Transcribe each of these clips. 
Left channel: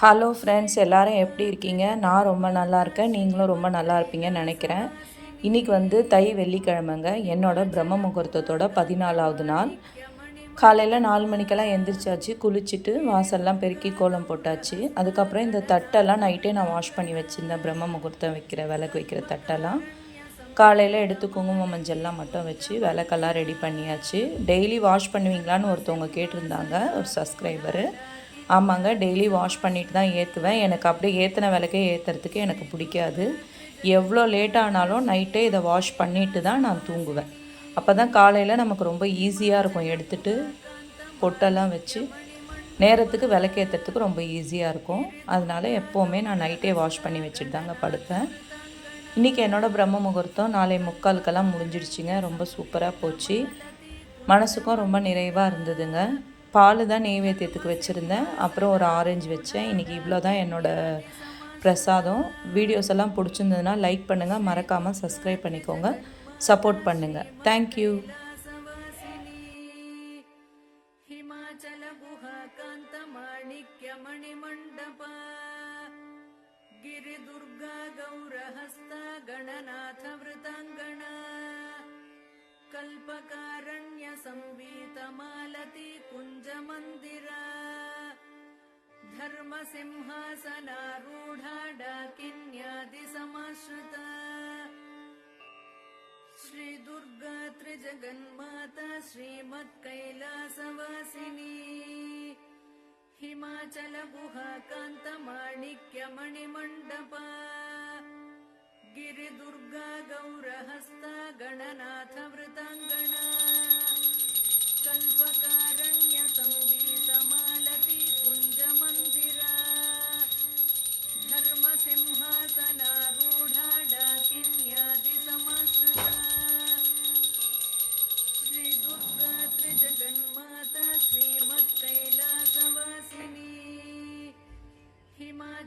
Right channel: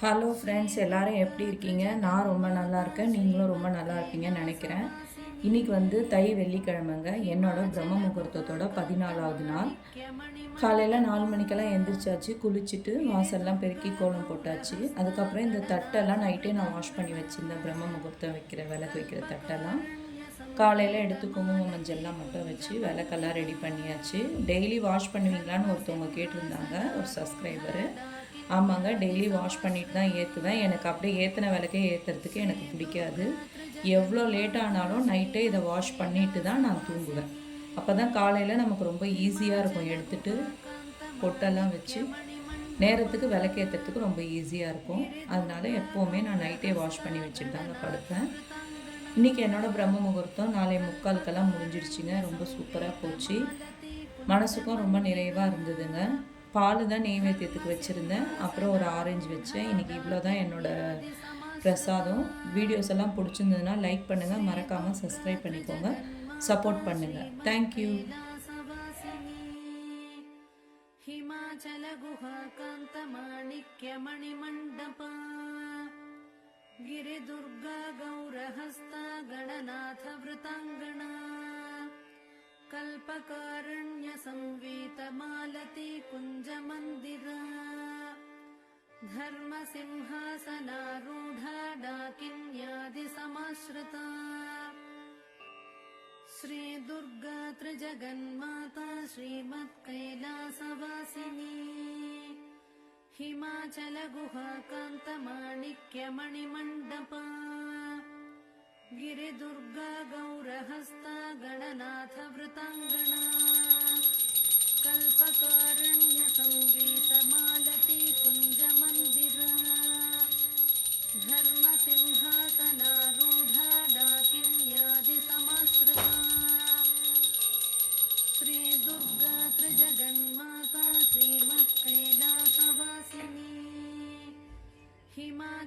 Hello friends எல்லோரும் எப்படி இருக்கீங்க? நான் ரொம்ப நல்லா இருக்கேன். நீங்களும் ரொம்ப நல்லா இருப்பீங்கன்னு நினைக்கிறேன். இன்றைக்கி வந்து தை வெள்ளிக்கிழமைங்க. என்னோடய பிரம்ம முகூர்த்தத்தோட பதினாலாவது நாள். காலையில் நாலு மணிக்கெல்லாம் எந்திரிச்சாச்சு. குளிச்சுட்டு வாசல்லாம் பெருக்கி கோலம் போட்டாச்சு. அதுக்கப்புறம் இந்த தட்டெல்லாம் நைட்டே நான் வாஷ் பண்ணி வச்சுருந்தேன். பிரம்ம முகூர்த்தம் வைக்கிற விளக்கு வைக்கிற தட்டெல்லாம். காலையில் எடுத்து குங்குமம் மஞ்சள்லாம் மட்டும் வச்சு விளக்கெல்லாம் ரெடி பண்ணியாச்சு. டெய்லி வாஷ் பண்ணுவீங்களான்னு ஒருத்தவங்க கேட்டிருந்தாங்க. ஒரு சப்ஸ்கிரைபரு ஆமாங்க டெய்லி வாஷ் பண்ணிட்டு தான் ஏற்றுவேன் எனக்கு அப்படியே ஏற்றின விளக்கே ஏற்றுறதுக்கு எனக்கு பிடிக்காது. எவ்வளோ லேட் ஆனாலும் நைட்டே இதை வாஷ் பண்ணிட்டு தான் நான் தூங்குவேன். அப்போ தான் காலையில் நமக்கு ரொம்ப ஈஸியாக இருக்கும். எடுத்துட்டு பொட்டெல்லாம் வச்சு நேரத்துக்கு விளக்கேற்றுறதுக்கு ரொம்ப ஈஸியாக இருக்கும். அதனால எப்போவுமே நான் நைட்டே வாஷ் பண்ணி வச்சுட்டு தாங்க படுப்பேன். இன்றைக்கி என்னோடய பிரம்ம முகூர்த்தம். நாளை முக்காலுக்கெல்லாம் முடிஞ்சிடுச்சுங்க ரொம்ப சூப்பராக போச்சு. மனசுக்கும் ரொம்ப நிறைவாக இருந்ததுங்க. பால் தான் நெய்வேத்தியத்துக்கு வச்சுருந்தேன். அப்புறம் ஒரு ஆரஞ்சு வச்சேன். இன்றைக்கி இவ்வளோ தான் என்னோடய பிரசாதம். வீடியோஸ் எல்லாம் பிடிச்சிருந்ததுன்னா லைக் பண்ணுங்கள் மறக்காமல் சப்ஸ்கிரைப் பண்ணிக்கோங்க. சப்போர்ட் பண்ணுங்கள் தேங்க்யூ गणनाथवृताङ्गणा कल्पकारण्यसङ्गीतमालती कुञ्जमन्दिर। धर्मसिंहासनारूढा डाकिन्यादिसमाश्रिता श्रीदुर्गा त्रिजगन्माता श्रीमत्कैलासवासिनी। हिमाचल गुहाकान्तमाणिक्यमणिमण्डपा गिरिदुर्गा गौरः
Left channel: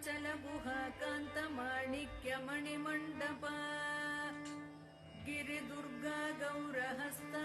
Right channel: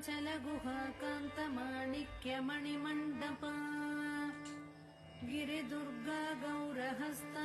ಚಲ ಗುಹಾ ಕಾಂತ ಮಾಣಿಕ್ಯ ಮಣಿಮಂಡಪ ಗಿರಿದುರ್ಗಾ ಗೌರಹಸ್ತ